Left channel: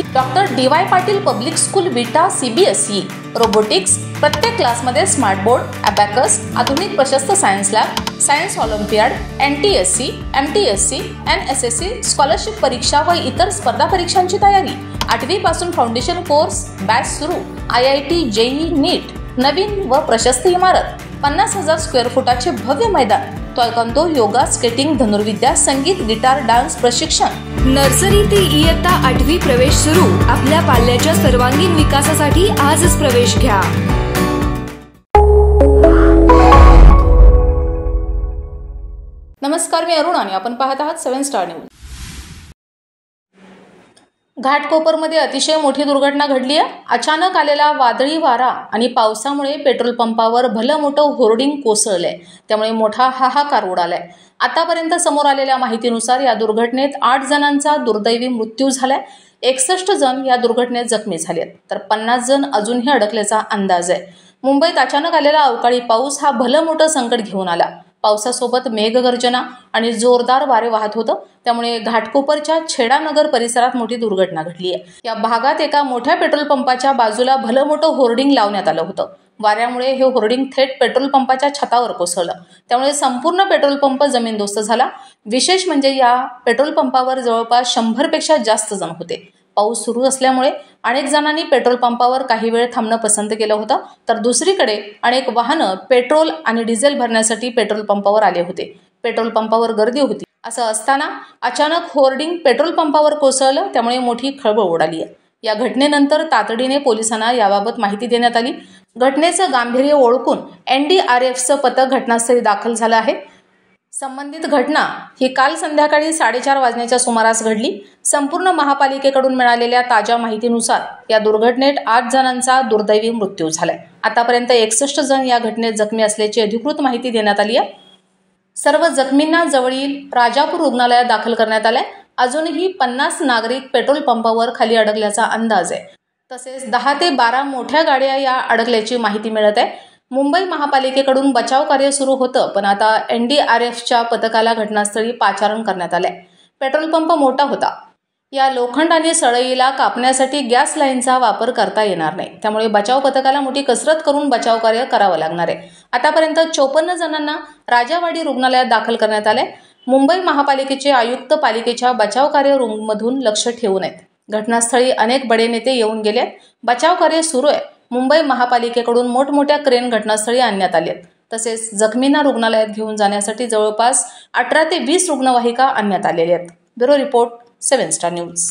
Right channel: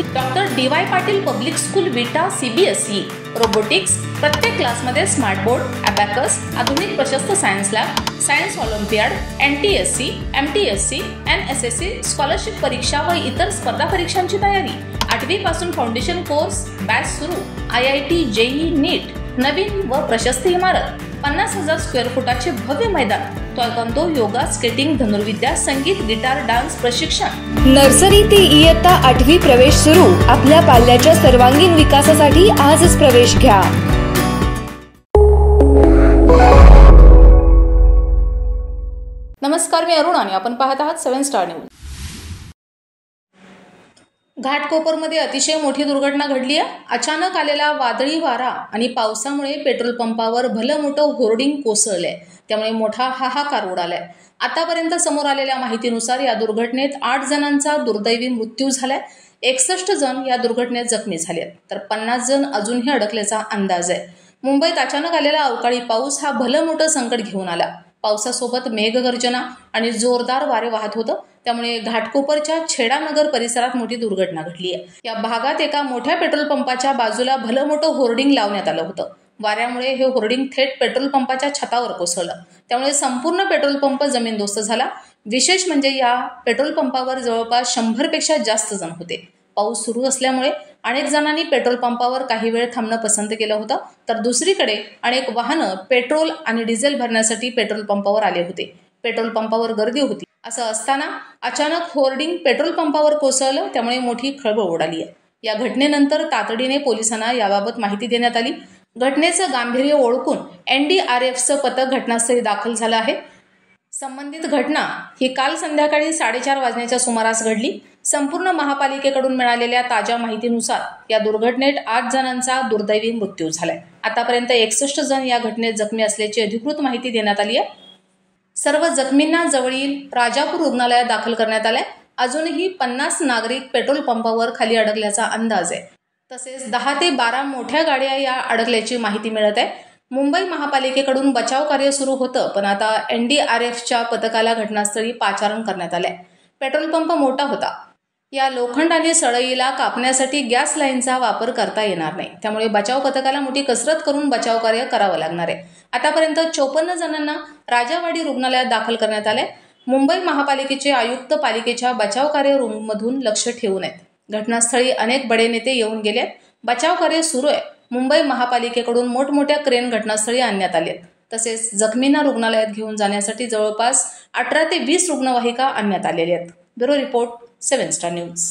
Doctor DY. Patil public school विटा CBSE robotics, प्रत्येक क्लासमध्ये स्मार्ट बोर्ड, अबॅकस, आधुनिक प्रशस्त science lab, science Olympiad, NTSC, MTSC, NSSC scholarship परीक्षा व इतर स्पर्धा परीक्षांची तयारी। 8वी पासून फाउंडेशन कोर्स बॅच सुरू। IIT JEE नीट, नवीन व प्रशस्त इमारत, 50,000 स्क्वेअर फुटाचे भव्य मैदान, तायक्वांदो, योगा, स्केटिंग, धनुर्विद्या, संगीत, गिटार, डान्स प्रशिक्षण। नर्सरी ते इयत्ता 8वी प्रवेश सुरू। आपल्या पाल्याच्या सर्वांगीण विकासासाठी आजच प्रवेश घ्या। नमस्कार, मी अरुण आणि आपण पाहत आहात 7 स्टार न्यूज। घाटकोपरमध्ये अतिशय मोठी दुर्घटना घडली आहे। अचानक आलेला वादळी वारा आणि पावसामुळे पेट्रोल पंपावर भलं मोठं होर्डिंग कोसळलंय, त्यामुळे मोठा हाहाकार उडालाय। आतापर्यंत समोर आलेल्या माहितीनुसार या दुर्घटनेत 8 जणांचा दुर्दैवी मृत्यू झालाय। 61 जण या दुर्घटनेत जखमी झालेत, तर 50 जण अजूनही अडकल्याचा अंदाज आहे। मुंबईत अचानक आलेला अवकाळी पाऊस हा भलं मोठं संकट घेऊन आला। पावसासोबत मेघगर्जना आणि जोरदार वारे वाहत होतं, त्यामुळे घाटकोपरच्या छेडानगर परिसरात मोठी दुर्घटना घडली आहे। या भागात एका मोठ्या पेट्रोल पंपाच्या बाजूला भलं मोठं होर्डिंग लावण्यात आलं होतं। वाऱ्यामुळे हे होर्डिंग थेट पेट्रोल पंपाच्या छतावर कोसळलं, त्यामुळे संपूर्ण पेट्रोल पंप जमीनदोस्त झाला। विशेष म्हणजे या पेट्रोल पंपावर जवळपास 100 पेक्षा जास्त जण होते। पाऊस सुरू असल्यामुळे अनेक जणांनी पेट्रोल पंपावर काही वेळ थांबणं पसंत केलं होतं, तर दुसरीकडे अनेक वाहनं पेट्रोल आणि डिझेल भरण्यासाठी पेट्रोल पंपावर आले होते। पेट्रोल पंपावर गर्दी होती। असं असताना अचानक होर्डिंग पेट्रोल पंपावर कोसळलं, त्यामुळे मोठी खळबळ उडाली आहे। या घटनेनंतर तातडीने पोलिसांना याबाबत माहिती देण्यात आली। घटनेचं गांभीर्य ओळखून NDRFचं पथक घटनास्थळी दाखल झालं आहे। संबंधित घटना ही काल संध्याकाळी 4:30 वाजण्याच्या सुमारास घडली। संपूर्ण महापालिकेकडून मिळालेल्या ताज्या माहितीनुसार या दुर्घटनेत 8 जणांचा दुर्दैवी मृत्यू झालाय। आतापर्यंत 61 जण या घटनेत जखमी असल्याची अधिकृत माहिती देण्यात आली आहे। सर्व जखमींना जवळील राजापूर रुग्णालयात दाखल करण्यात आलंय। अजूनही 50 नागरिक पेट्रोल पंपावर खाली अडकल्याचा अंदाज आहे। तसेच 10 ते 12 मोठ्या गाड्या या अडकल्याची माहिती मिळत आहे। मुंबई महापालिकेकडून बचाव कार्य सुरू होतं, पण आता NDRFच्या पथकाला घटनास्थळी पाचारण करण्यात आलंय। पेट्रोल पंप मोठा होता। या लोखंड आणि सळईला कापण्यासाठी गॅस लाईनचा वापर करता येणार नाही, त्यामुळे बचाव पथकाला मोठी कसरत करून बचाव कार्य करावं लागणार आहे। आतापर्यंत 54 जणांना राजावाडी रुग्णालयात दाखल करण्यात आलंय। मुंबई महापालिकेचे आयुक्त पालिकेच्या बचाव कार्य रूममधून लक्ष ठेवून आहेत। घटनास्थळी अनेक बडे नेते येऊन गेले। बचाव कार्य सुरू आहे। मुंबई महापालिकेकडून मोठमोठ्या क्रेन घटनास्थळी आणण्यात आले। तसेच जखमींना रुग्णालयात घेऊन जाण्यासाठी जवळपास 18 ते 20 रुग्णवाहिका आणण्यात आलेल्या आहेत। Bureau report 7 star news.